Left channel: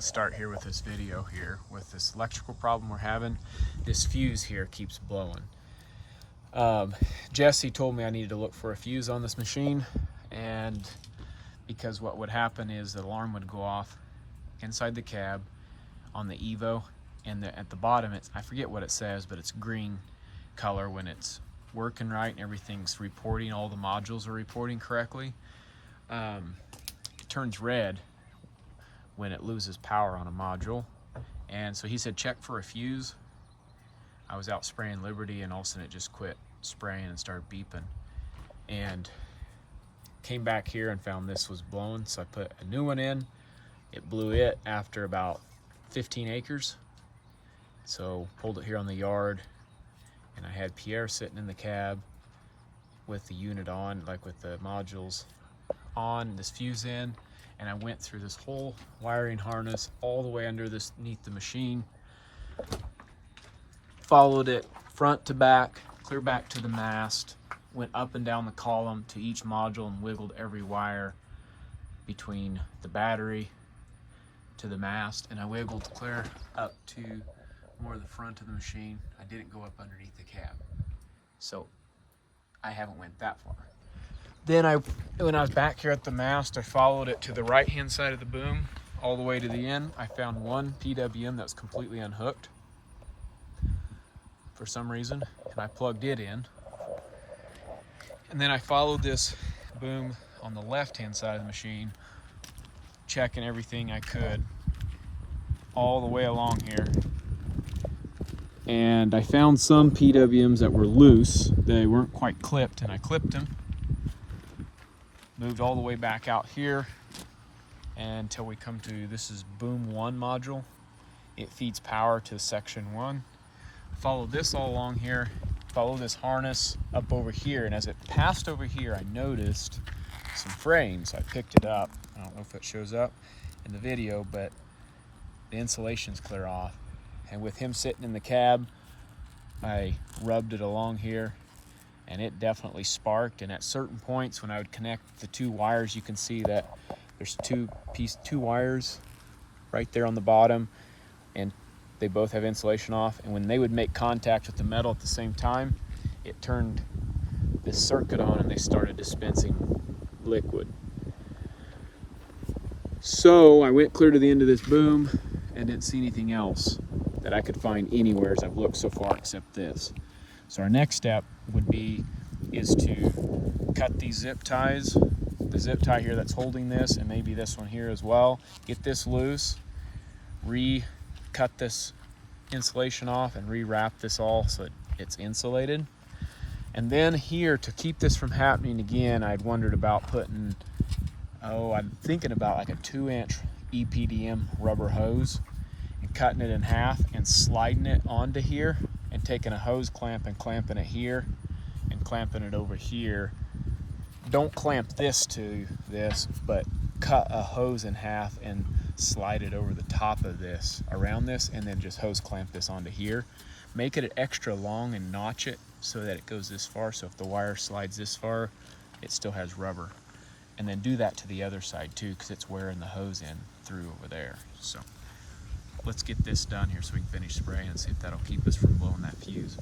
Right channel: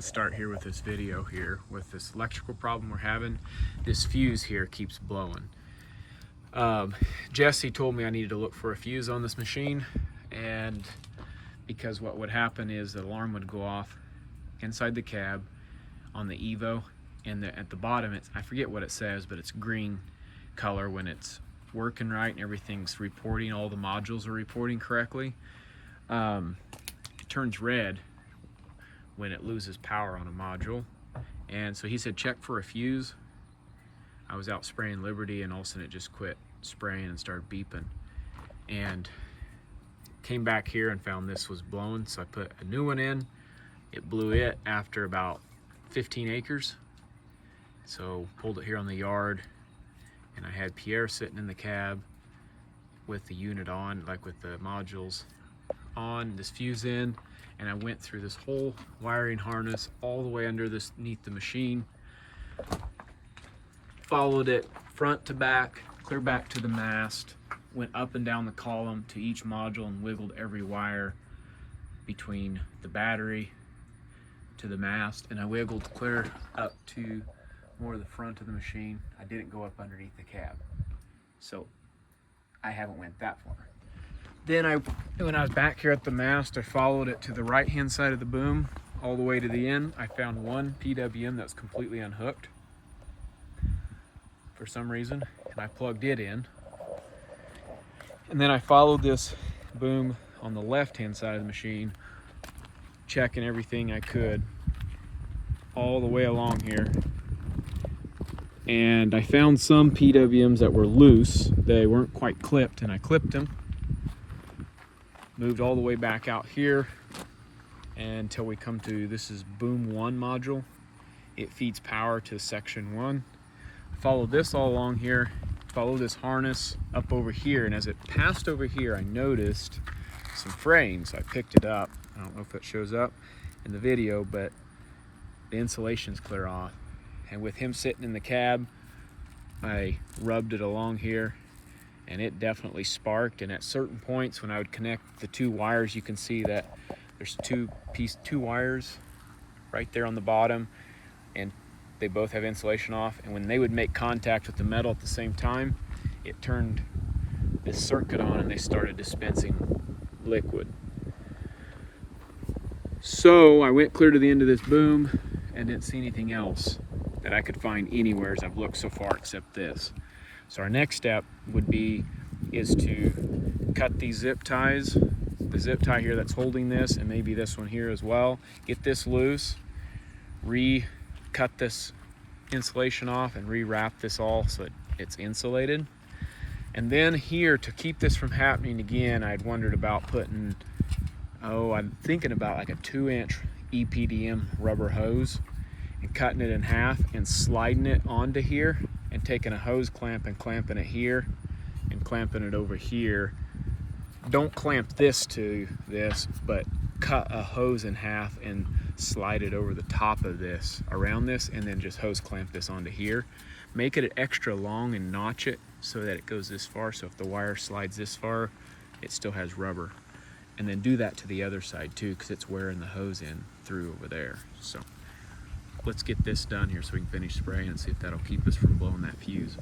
Start here with this video here with this electrical problem we're having. This fuse here keeps blowing. Jesse told me I needed to look for a fuse on this machine, and because what would happen is the alarm would go off inside the cab on the Evo, and at the bottom I forget what it says, but it's green color when it's working right and everything's reporting, all the modules are reporting correctly. It turns red when it loses power on a module. And so he said check for a fuse. I was out spraying Liberty and all of a sudden it just quit spraying and started beeping, and came back here and found this was blowing, so I put a new one in. It blew it after about 15 acres. So pulled it here on the yard, and I had Pierre sitting in the cab with the unit on, like with the modules on, this fuse in, and I went through this whole wiring harness all the way underneath the machine, followed it front to back, clear back to the mast, went up and down the column to each module and wiggled every wire between the battery to the mast, and I wiggled clear up to more of the front of the machine. I didn't go up underneath the cab, so I haven't went that far. Then when I was back here at the mast, I followed it to the right hand side of the boom all the way to the end. I found one PWM that was completely unhooked for some reason, and I plugged it in. And then I followed this boom on the left hand side of the machine, checking everything I could all the way along here. And I found some PWMs that were loose. They weren't quite clipped, and I clipped them. Moved all the way back out here until we come to, this is boom 1 module. It feeds power to section 1. Followed this all along here, followed this harness up over here, and as it passed over here I noticed some fraying, so I picked it up. I don't know if it shows up in the video, but the insulation's clear off. And with him sitting in the cab, I rubbed it along here, and it definitely sparked. And at certain points when I would connect the two wires, you can see that there's two wires right there on the bottom, and they both have insulation off. And when they would make contact with the metal at the same time, it turned this circuit on and they started dispensing liquid. So I went clear to the end of this boom and didn't see anything else that I could find anywhere as I've looked so far except this. So our next step is to cut these zip ties, the zip tie here that's holding this, and maybe this one here as well. Get this loose, cut this insulation off, and rewrap this all so it's insulated. And then here, to keep this from happening again, I'd wondered about putting, I'm thinking about like a 2-inch EPDM rubber hose and cutting it in half and sliding it onto here, and taking a hose clamp and clamping it here and clamping it over here. Don't clamp this to this, but cut a hose in half and slide it over the top of this, around this, and then just hose clamp this onto here. Make it extra long and notch it so that it goes this far, so if the wire slides this far, it still has rubber. And then do that to the other side too, because it's wearing the hose in through over there. So let's get this done here so we can finish spraying and see if that'll keep us from blowing that fuse.